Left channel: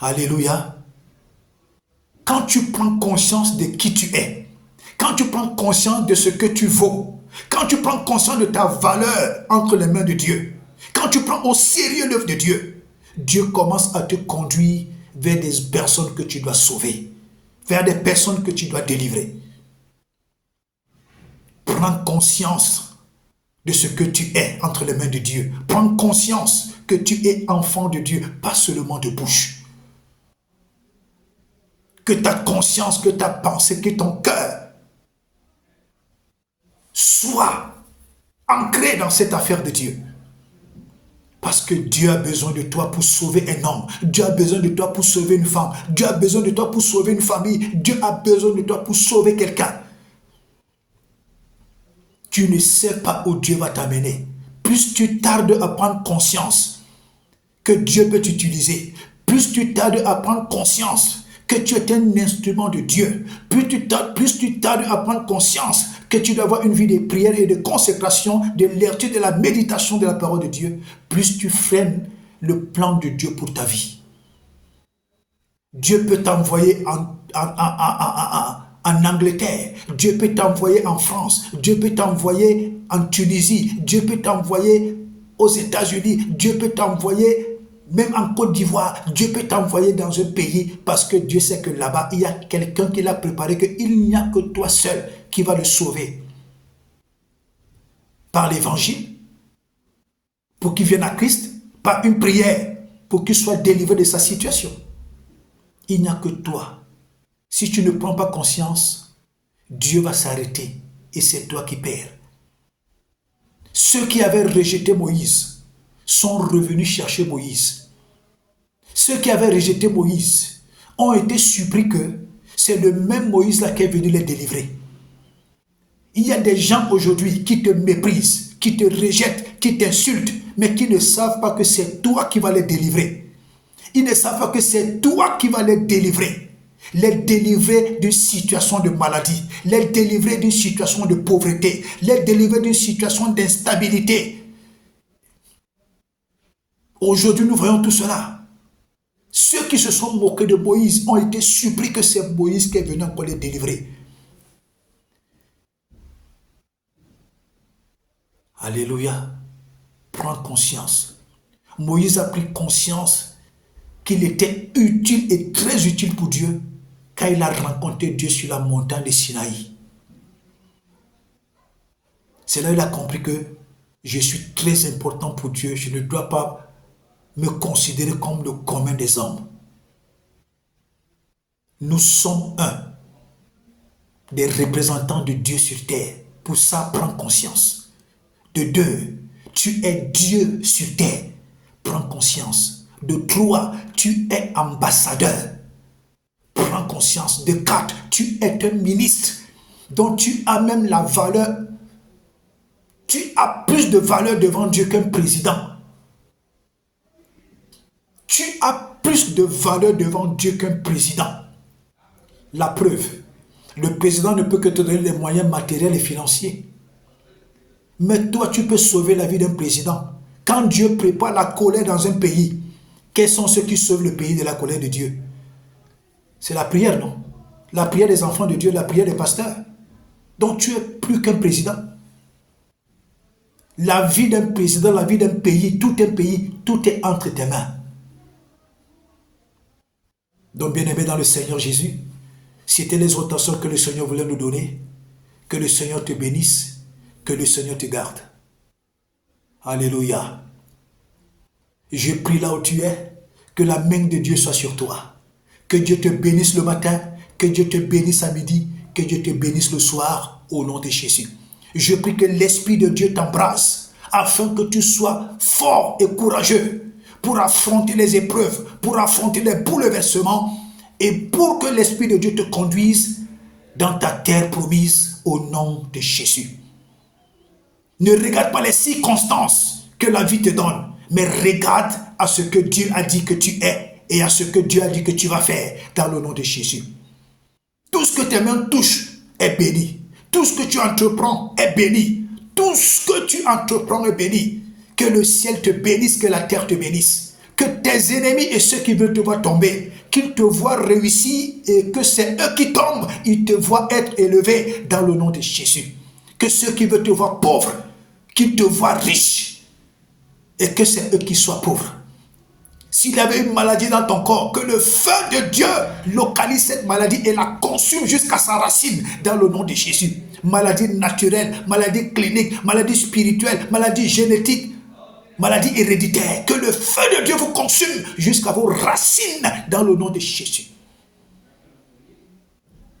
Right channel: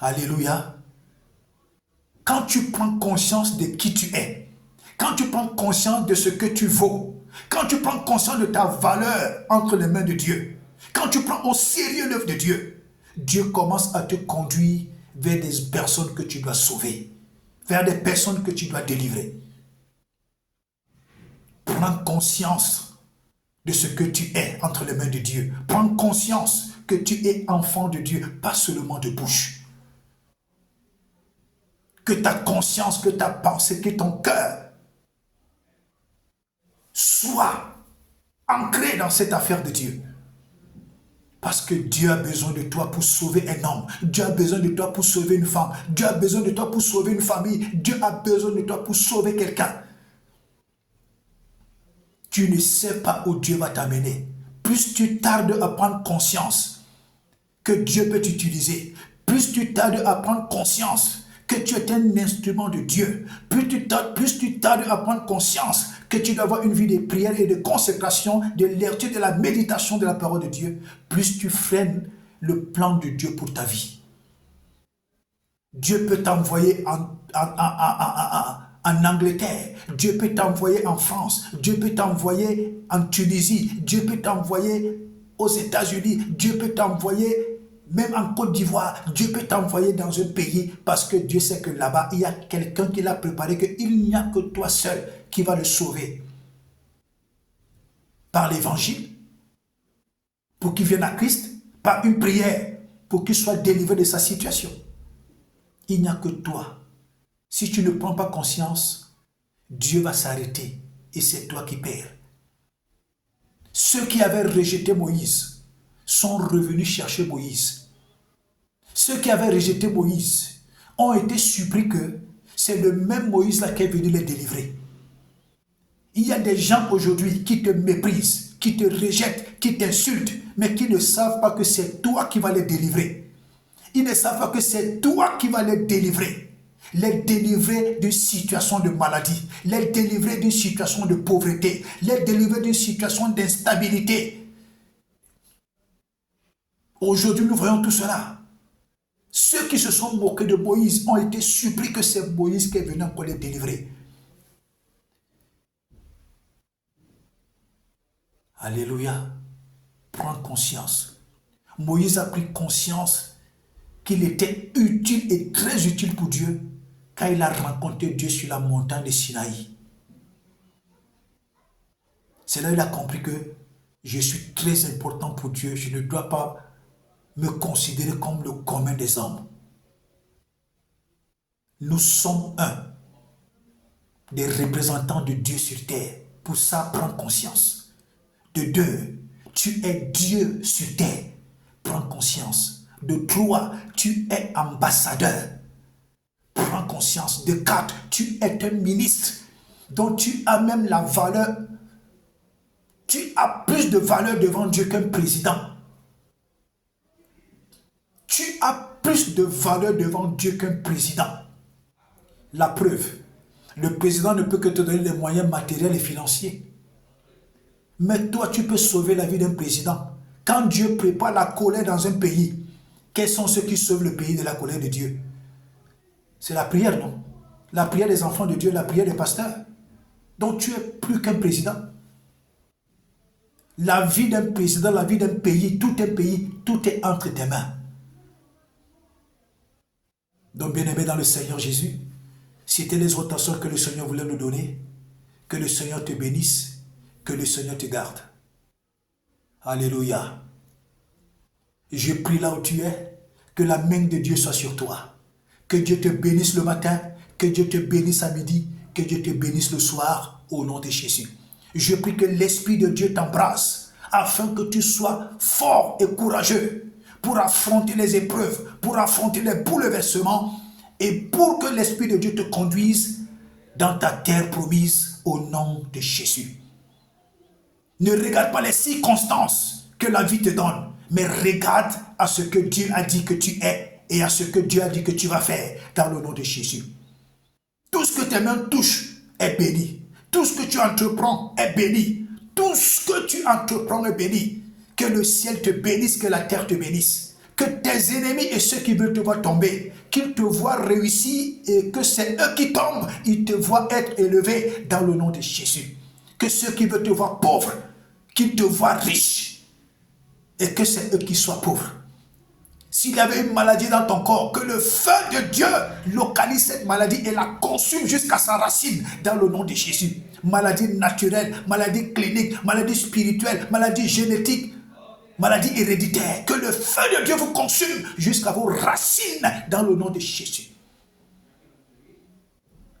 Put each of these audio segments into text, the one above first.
Alléluia. Quand tu prends conscience de qui tu es, quand tu prends conscience de ce que tu vaux, quand tu prends conscience de ta valeur entre les mains de Dieu, quand tu prends au sérieux l'œuvre de Dieu, Dieu commence à te conduire vers des personnes que tu dois sauver, vers des personnes que tu dois délivrer. Prends conscience de ce que tu es entre les mains de Dieu. Prends conscience que tu es enfant de Dieu, pas seulement de bouche. Que ta conscience, que ta pensée, que ton cœur soit ancré dans cette affaire de Dieu. Parce que Dieu a besoin de toi pour sauver un homme. Dieu a besoin de toi pour sauver une femme. Dieu a besoin de toi pour sauver une famille. Dieu a besoin de toi pour sauver quelqu'un. Tu ne sais pas où Dieu va t'amener. Plus tu tardes à prendre conscience que Dieu peut t'utiliser, plus tu tardes à prendre conscience que tu es un instrument de Dieu, plus tu tardes à prendre conscience que tu dois avoir une vie de prière et de consécration, de lecture, de la méditation de la parole de Dieu, plus tu freines le plan de Dieu pour ta vie. Dieu peut t'envoyer en Angleterre, Dieu peut t'envoyer en France, Dieu peut t'envoyer en Tunisie, Dieu peut t'envoyer aux États-Unis, Dieu peut t'envoyer même en Côte d'Ivoire, Dieu peut t'envoyer dans un pays parce que Dieu sait que là-bas, il y a quelqu'un qui l'a préparé, qu'il n'y a que toi seul qui va le sauver. Par l'évangile, pour qu'il vienne à Christ, par une prière, pour qu'il soit délivré de sa situation. Il n'y a que toi. Si tu ne prends pas conscience, Dieu va s'arrêter et c'est toi qui perds. Ceux qui avaient rejeté Moïse sont revenus chercher Moïse. Ceux qui avaient rejeté Moïse ont été surpris que c'est le même Moïse-là qui est venu les délivrer. Il y a des gens aujourd'hui qui te méprisent, qui te rejettent, qui t'insultent, mais qui ne savent pas que c'est toi qui vas les délivrer. Ils ne savent pas que c'est toi qui vas les délivrer. Les délivrer d'une situation de maladie, les délivrer d'une situation de pauvreté, les délivrer d'une situation d'instabilité. Aujourd'hui, nous voyons tout cela. Ceux qui se sont moqués de Moïse ont été surpris que c'est Moïse qui est venu encore les délivrer. Alléluia. Prends conscience. Moïse a pris conscience qu'il était utile et très utile pour Dieu quand il a rencontré Dieu sur la montagne de Sinaï. C'est là qu'il a compris que je suis très important pour Dieu. Je ne dois pas me considérer comme le commun des hommes. Nous sommes des représentants de Dieu sur terre. Pour ça, prends conscience. De deux, tu es Dieu sur terre. Prends conscience. De trois, tu es ambassadeur. Prends conscience. De quatre, tu es un ministre dont tu as même la valeur. Tu as plus de valeur devant Dieu qu'un président. Tu as plus de valeur devant Dieu qu'un président. La preuve, le président ne peut que te donner les moyens matériels et financiers. Mais toi, tu peux sauver la vie d'un président. Quand Dieu prépare la colère dans un pays, quels sont ceux qui sauvent le pays de la colère de Dieu? C'est la prière, non? La prière des enfants de Dieu, la prière des pasteurs. Donc tu es plus qu'un président. La vie d'un président, la vie d'un pays, tout est entre tes mains. Donc, bien-aimé dans le Seigneur Jésus, c'était les orientations que le Seigneur voulait nous donner. Que le Seigneur te bénisse, que le Seigneur te garde. Alléluia. Je prie là où tu es, que la main de Dieu soit sur toi. Que Dieu te bénisse le matin, que Dieu te bénisse à midi, que Dieu te bénisse le soir, au nom de Jésus. Je prie que l'Esprit de Dieu t'embrasse, afin que tu sois fort et courageux pour affronter les épreuves, pour affronter les bouleversements et pour que l'Esprit de Dieu te conduise dans ta terre promise au nom de Jésus. Ne regarde pas les circonstances que la vie te donne, mais regarde à ce que Dieu a dit que tu es et à ce que Dieu a dit que tu vas faire dans le nom de Jésus. Tout ce que tes mains touchent est béni. Tout ce que tu entreprends est béni. Tout ce que tu entreprends est béni. Que le ciel te bénisse, que la terre te bénisse. que tes ennemis et ceux qui veulent te voir tomber, qu'ils te voient réussir et que c'est eux qui tombent, ils te voient être élevé dans le nom de Jésus. Que ceux qui veulent te voir pauvre, qu'ils te voient riche et que c'est eux qui soient pauvres. S'il y avait une maladie dans ton corps, que le feu de Dieu localise cette maladie et la consume jusqu'à sa racine dans le nom de Jésus. Maladie naturelle, maladie clinique, maladie spirituelle, maladie génétique, maladie héréditaire. Que le feu de Dieu vous consume jusqu'à vos racines dans le nom de Jésus.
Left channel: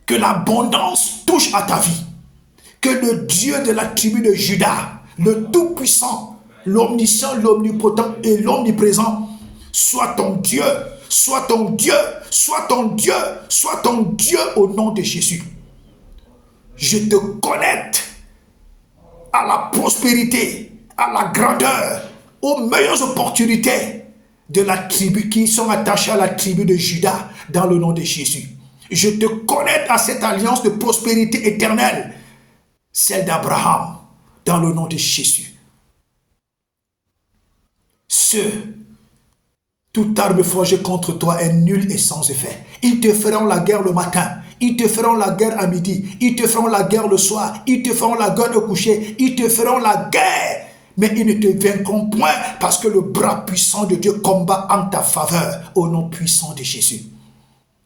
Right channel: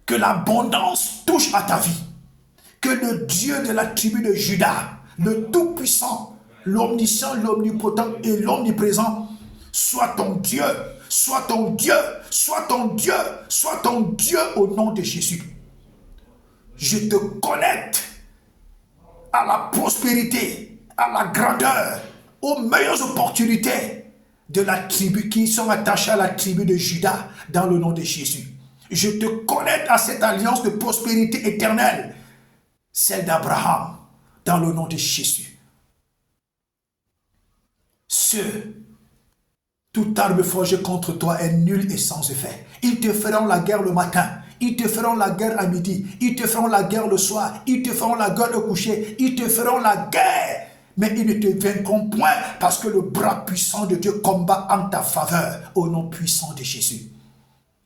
Que l'abondance touche à ta vie. Que le Dieu de la tribu de Juda, le Tout-Puissant, l'Omniscient, l'Omnipotent et l'Omniprésent, soit ton Dieu, soit ton Dieu, soit ton Dieu, soit ton Dieu au nom de Jésus. Je te connecte à la prospérité, à la grandeur, aux meilleures opportunités de la tribu qui sont attachées à la tribu de Juda dans le nom de Jésus. Je te connecte à cette alliance de prospérité éternelle, celle d'Abraham, dans le nom de Jésus. Toute arme forgée contre toi est nulle et sans effet. Ils te feront la guerre le matin, ils te feront la guerre à midi, ils te feront la guerre le soir, ils te feront la guerre au coucher, ils te feront la guerre. Mais ils ne te vaincront point parce que le bras puissant de Dieu combat en ta faveur au nom puissant de Jésus.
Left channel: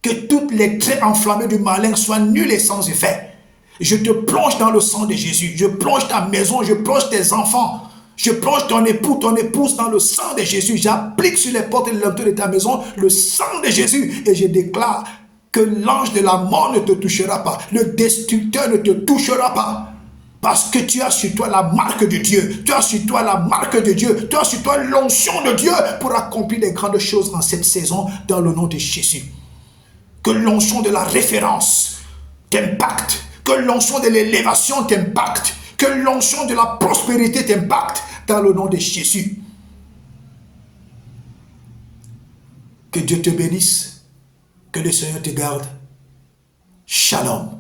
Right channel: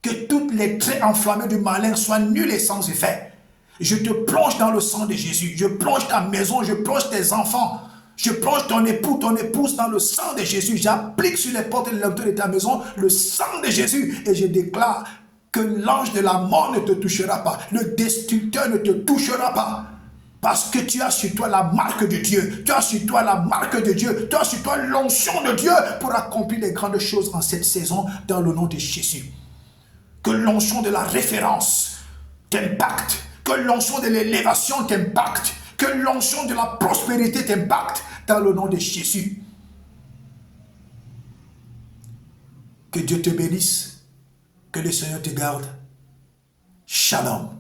Que toutes les traits enflammés du malin soient nuls et sans effet. Je te plonge dans le sang de Jésus, je plonge ta maison, je plonge tes enfants. Je plonge ton époux, ton épouse dans le sang de Jésus. J'applique sur les portes et les linteaux de ta maison le sang de Jésus. Et je déclare que l'ange de la mort ne te touchera pas. Le destructeur ne te touchera pas. Parce que tu as sur toi la marque de Dieu. Tu as sur toi la marque de Dieu. Tu as sur toi l'onction de Dieu pour accomplir les grandes choses en cette saison dans le nom de Jésus. Que l'onction de la référence t'impacte. Que l'onction de l'élévation t'impacte. Que l'onction de la prospérité t'impacte dans le nom de Jésus. Que Dieu te bénisse. Que le Seigneur te garde. Shalom.